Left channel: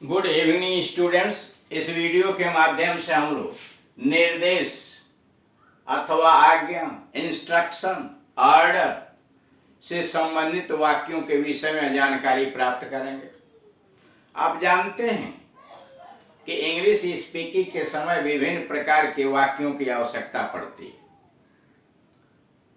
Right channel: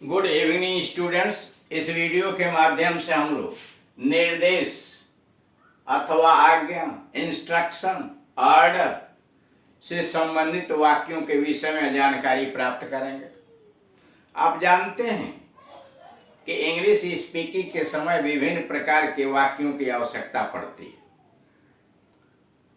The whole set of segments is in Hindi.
Good evening students. इस वीडियो के माध्यम से हम लोग निर्देश अथवा आज्ञा, इंस्ट्रक्शन, ऑर्डर से संबंधित वाक्यों के विषय में जानकारी प्राप्त करेंगे। आप जानते हैं कि इंग्लिश स्पीकिंग के समय विभिन्न प्रकार के वाक्यों की आवश्यकता पड़ती है।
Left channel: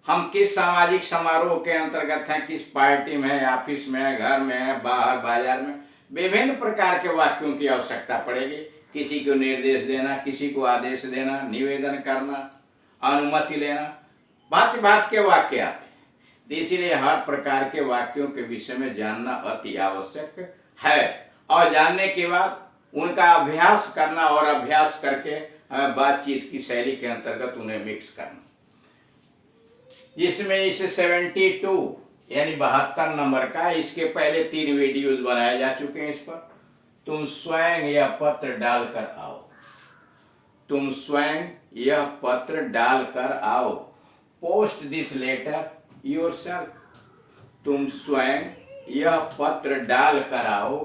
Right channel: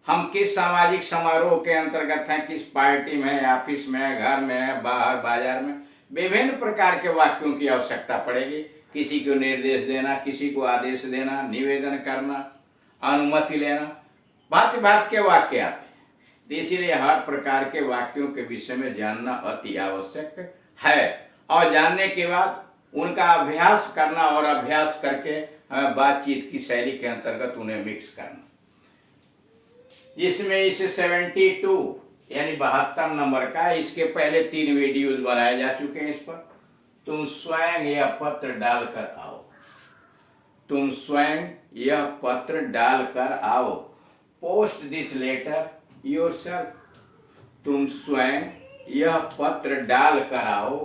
हम किस सामाजिक समारोह के अंतर्गत हैं, किस पार्टी में है, ऑफिस में है, घर में है, बाहर बाजार में, विभिन्न प्रकार के वाक्यों की आवश्यकता पड़ेगी। किसी को निर्देश देना, किसी को आदेश देना, निवेदन करना, अनुमति लेना, भांति भांति के वाक्य आते हैं। तो इसीलिए हर प्रकार के वाक्यों के विषय में जानना अति आवश्यक है और जानने के बाद उनका अभ्यास करना और अभ्यास करके बातचीत की शैली के अंतर्गत उन्हें मिक्स करना। इसमें इसे 72 यानी 72 नंबर का, इसके पहले 3 वीडियोस बनाए जा चुके हैं। इस पर तुम स्वयं यह पत्र डालकर आओ, तुम स्वयं यह पत्र डालकर आओ, पोस्ट दिस लेटर योरसेल्फ, तुम स्वयं यह पत्र डालकर आओ,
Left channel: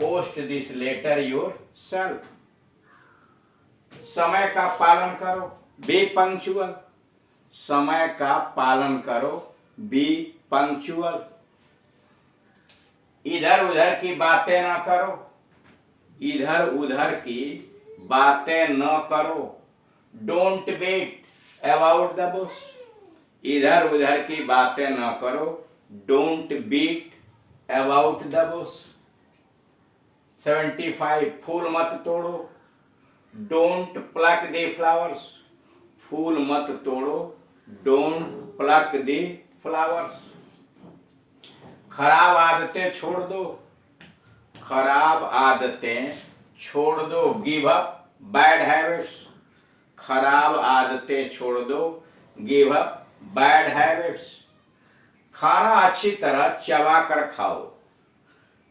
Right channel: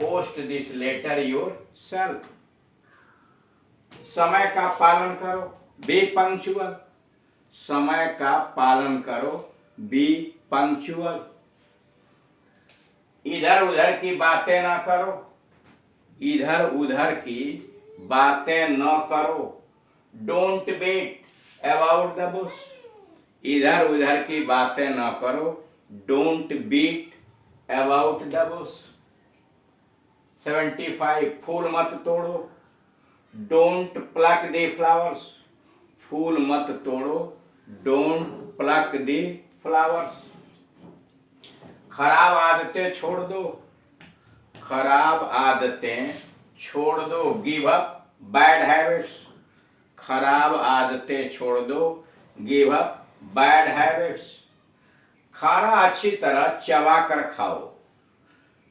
पोस्ट दिस लेटर योरसेल्फ। समय का पालन करो, बी पंक्चुअल, समय का पालन करो, बी पंक्चुअल। इधर उधर की बातें ना करो, इधर उधर की बातें न करो, don't beat about the bush, इधर उधर की बातें न करो, don't beat about the bush. 75 फूल मत तोड़ो, डोंट प्लक द फ्लावर्स, फूल मत तोड़ो, डोंट प्लक द फ्लावर्स। खराब आदतें छोड़ दो, खराब आदतें छोड़ दो, गिव अप बैड हैबिट्स, खराब आदतें छोड़ दो, गिव अप बैड हैबिट्स। खाना अच्छी तरह चबा कर खाओ,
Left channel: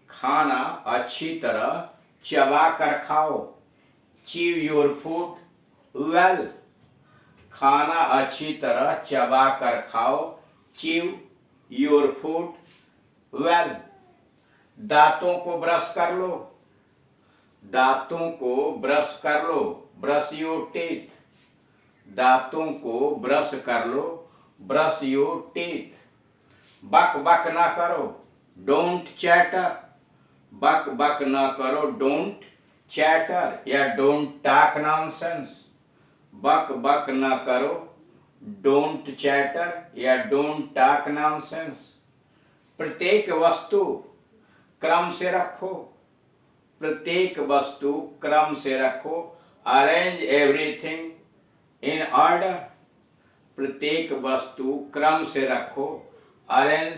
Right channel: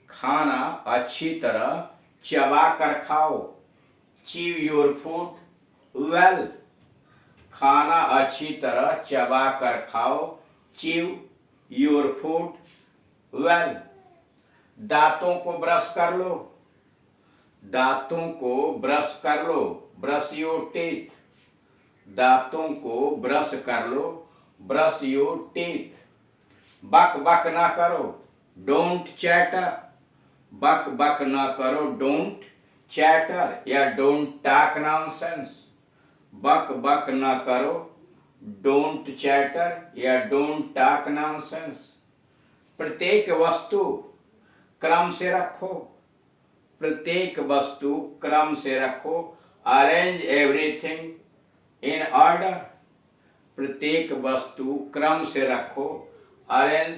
खाना अच्छी तरह चबा कर खाओ, च्यू योर फूड वेल, खाना अच्छी तरह चबा कर खाओ, च्यू योर फूड वेल। दांतों को ब्रश कर लो, दांतों को ब्रश कर लो, ब्रश योर टीथ, दांतों को ब्रश कर लो, ब्रश योर टीथ। बक बक ना करो, डोंट चैटर, बक बक ना करो, डोंट चैटर या डोंट टॉक नॉनसेंस, बक बक ना करो, डोंट चैटर या डोंट टॉक नॉनसेंस। प्रत्येक वस्तु क्रम से रखो, प्रत्येक वस्तु क्रम से रखो, अरेंज एवरीथिंग इन ऑर्डर, प्रत्येक वस्तु क्रम से रखो, अरेंज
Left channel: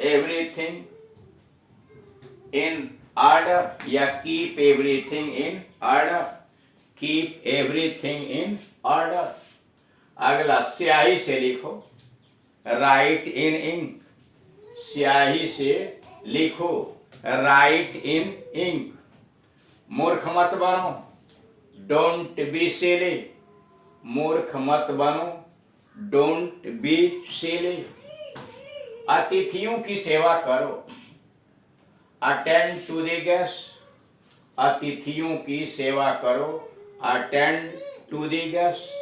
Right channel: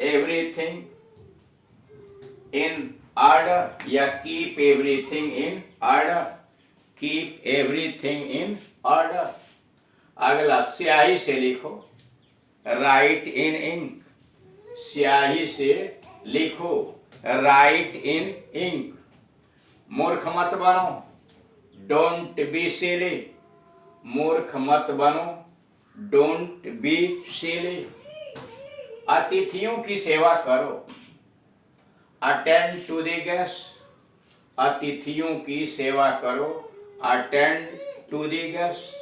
एवरीथिंग इन ऑर्डर या keep everything in order, keep everything in order. अगला स्याही से लिखो, राइट इन इंक, स्याही से लिखो, राइट इन इंक। मूर्ख मत बनो, डोंट बी सिली, मूर्ख मत बनो, डोंट बी सिली। अतिथियों की सेवा करो, अटेंड टू द गेस्ट, अतिथियों की सेवा करो, अटेंड टू द गेस्ट।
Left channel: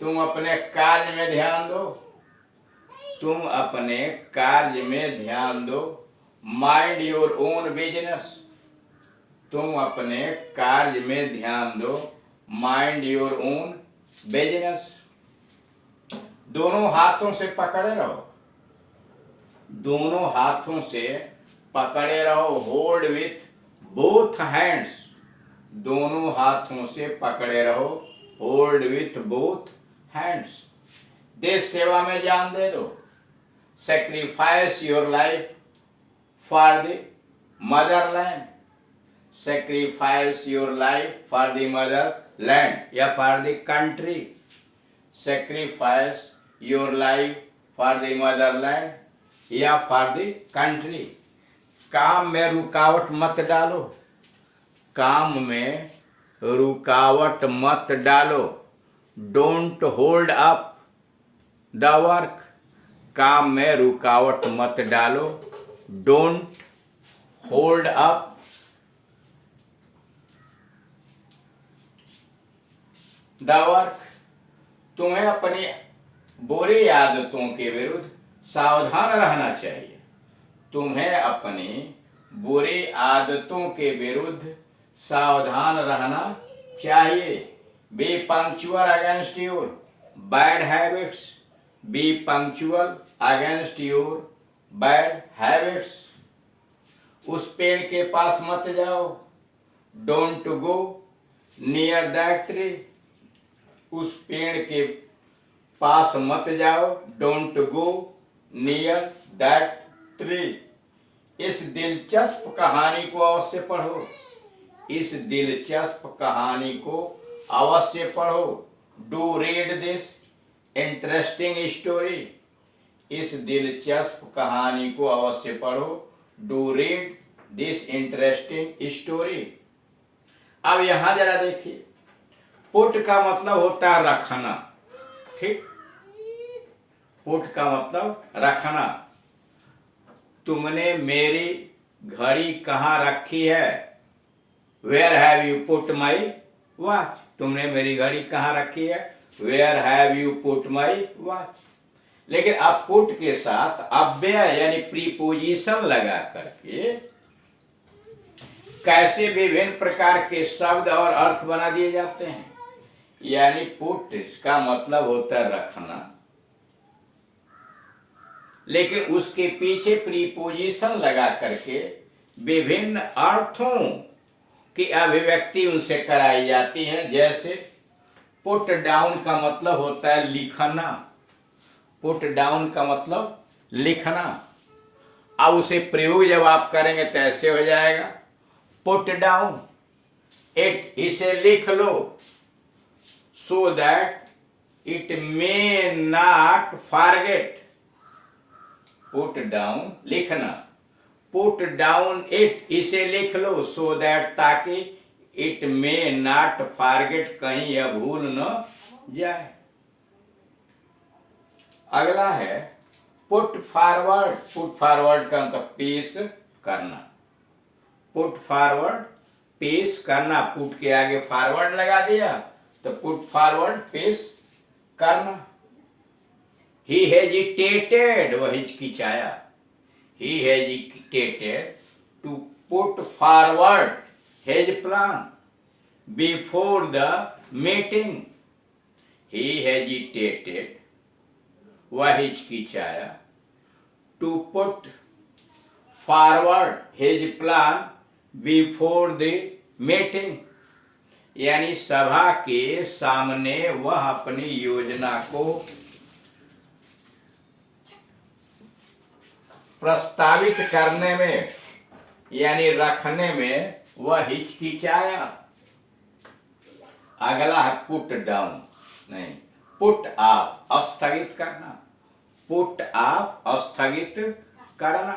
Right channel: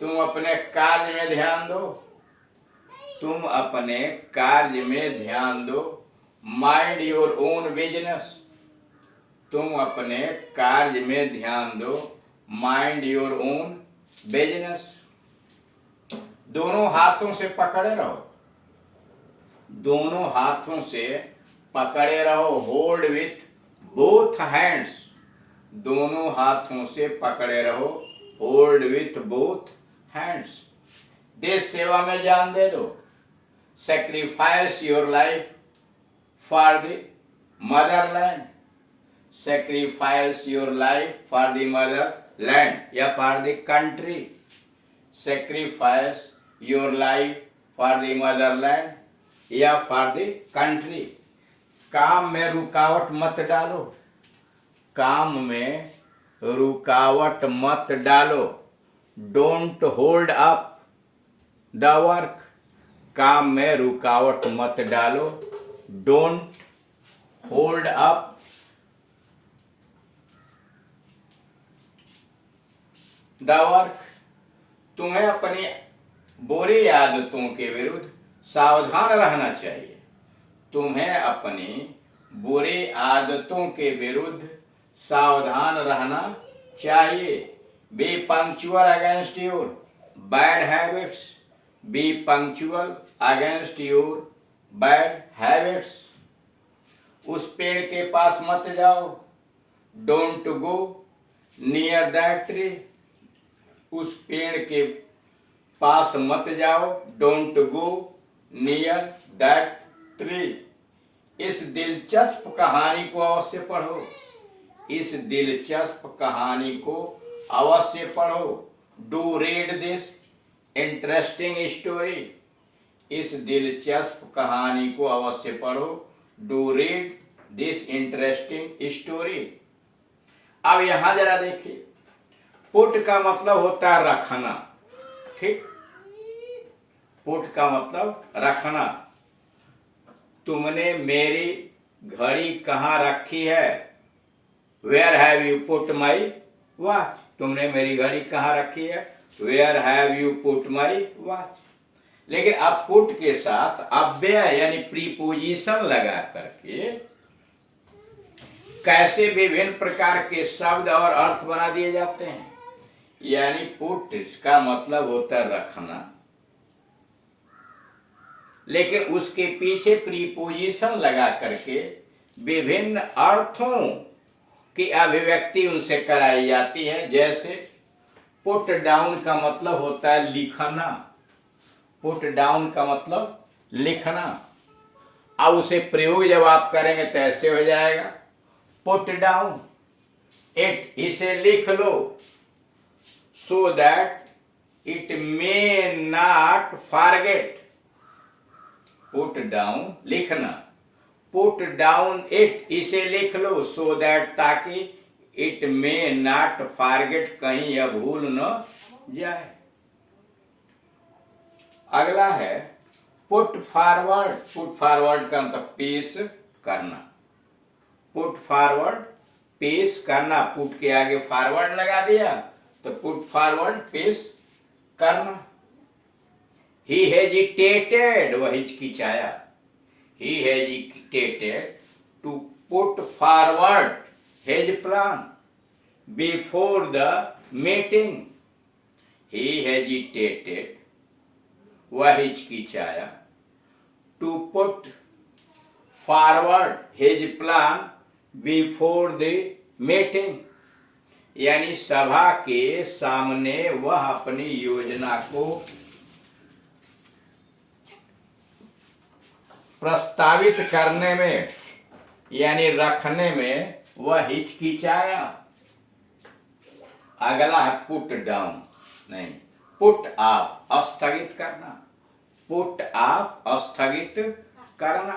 तुम अपने कार्य में ध्यान दो, तुम अपने कार्य में ध्यान दो, माइंड योर ओन बिजनेस, तुम अपने कार्य में ध्यान दो, माइंड योर ओन बिजनेस। दोनों हाथों से पकड़े रहो, दोनों हाथों से पकड़े रहो, होल्ड विथ बोथ हैंड्स, दोनों हाथों से पकड़े रहो, होल्ड विथ बोथ हैंड्स। देश सेवा में जान दे दो, sacrifice your life for the motherland, sacrifice your life for the motherland या for the country, sacrifice your life for the motherland या फॉर द कंट्री। काम में रुकावट मत डालो, काम में रुकावट मत डालो, don't hold up the work, काम में रुकावट मत डालो, don't hold up the work. तुम्हें अपनी बुरी आदतों के विरुद्ध सावधान रहना चाहिए। तुम्हें अपनी बुरी आदतों के विरुद्ध सावधान रहना चाहिए। B punctual against your bad habits. B punctual against your bad habits. उस पेड़ के पास मत जाओ। Don't go near that tree. उस पेड़ के पास मत जाओ। Don't go near that tree. इस दिलचस्प कहानी को अवश्य पढ़ो। इस दिलचस्प कहानी को अवश्य पढ़ो। Do read this interesting story. इस दिलचस्प कहानी को अवश्य पढ़ो। Do read this interesting story. अब यहां जरा देखिए, पुट का मतलब होता है रखना। ठीक, पुट का मतलब रखना। तुमने मेरी घड़ी कहाँ रखी है? Where have you put my watch. तुमने मेरी घड़ी कहाँ रखी है? Where have you put my watch. लेकिन अब पुट के साथ अव्यय यानी प्रीपोजिशन लगा करके कैसे विभिन्न प्रकार के शब्द और अर्थ बना दिए जाते हैं। यानी पुट इसका मतलब होता है रखना, लेकिन उसके पीछे प्रीपोजिशन लगा करके विभिन्न अर्थों की अभिव्यक्ति उनसे कराई जाती है। जैसे पुट डाउन का मतलब होता है लिखना। पुट डाउन का मतलब लिखना। अब उसे प्रयोग जब आप करेंगे तो ऐसे हो जाएगा, पुट डाउन इट, इसे लिख लो, so that it may not forget. Put down लिखना, पुट डाउन इट, इसे लिख लो, सो दैट ताकि इट मे नॉट फॉरगेट, कहीं यह भूल न जाए। अगला है पुट फॉरवर्ड। पुट फॉरवर्ड का मतलब पेश करना। पुट फॉरवर्ड पेश करना। पुट के आगे फॉरवर्ड लगा दिया तो पुट फॉरवर्ड पेश करना। ही हेजिटेटेड, वह हिचकिचाया। He hesitated to put forward his plan before the meeting. He hesitated, वह हिचकिचाया, to put forward his plan before the meeting, यानी सभा के सामने वह अपनी योजना को प्रस्तावित करने में यानी रखने में वह हिचकिचाया। अगला है पुट डाउन, नहीं, पुट ऑफ, स्थगित करना। पुट ऑफ, स्थगित करना।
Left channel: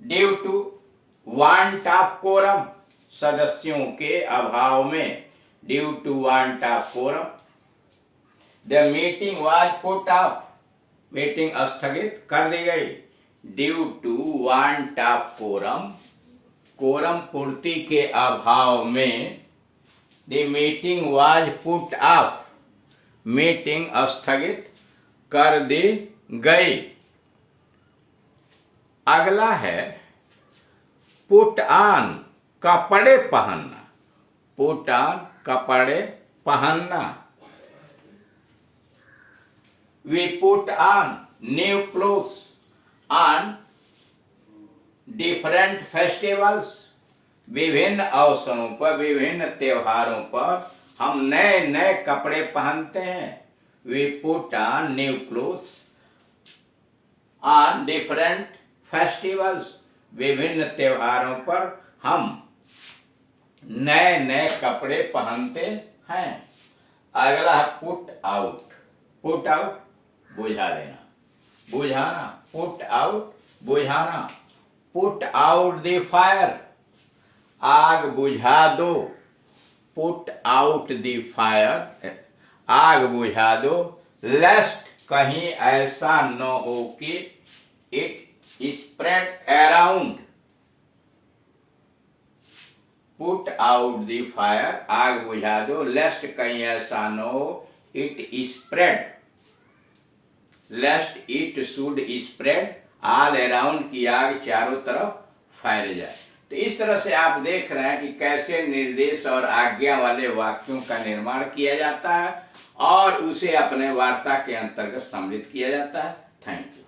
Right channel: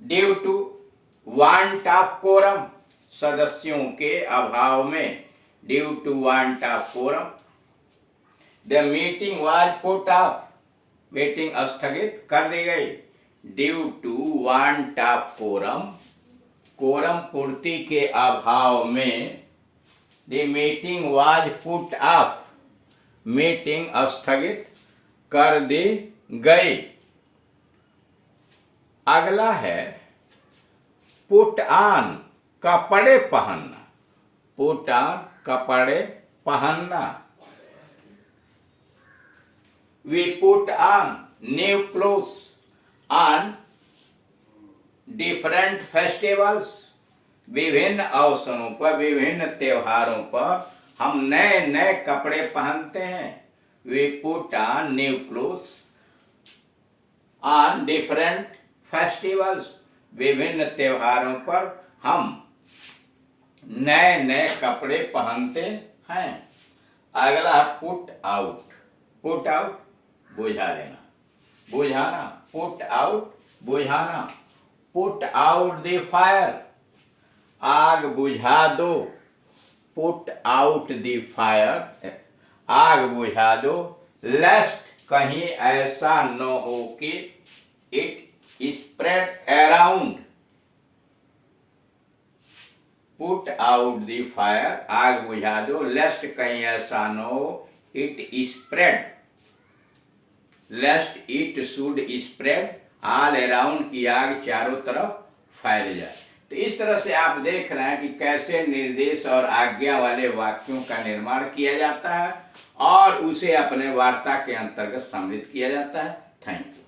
Due to want of quorum, सदस्यों के अभाव में। Due to want of quorum the meeting was put off, meeting स्थगित कर दी गई। Due to want of quorum, quorum पूर्ति के अभाव में the meeting was put off, meeting स्थगित कर दी गई। अगला है पुट ऑन, कपड़े पहनना। पुट ऑन, कपड़े पहनना। We put on new clothes on different festivals. विभिन्न अवसरों पर, विभिन्न त्योहारों पर हम नए नए कपड़े पहनते हैं। We put on new clothes on different festivals. विभिन्न त्योहारों पर हम नए नए कपड़े पहनते हैं। अगला है पुट आउट। पुट आउट, बुझा देना, बुझाना। पुट आउट, बुझाना। पुट आउट द फायर, आग बुझा दो। पुट आउट द फायर, आग बुझा दो। लेस्ट, कहीं ऐसा न हो कि it spread around, put out the fire, आग बुझा दो, लेस्ट कहीं ऐसा न हो it spread, lest it should spread all around, की आग चारों तरफ फैल जाए। तो इस तरह से आप देख रहे हैं कि कैसे निर्देश और आज्ञा वाले वाक्यों का निर्माण किया जाता है और उसे अपने वार्ता के अंतर्गत सम्मिलित किया जाता है। Thank you.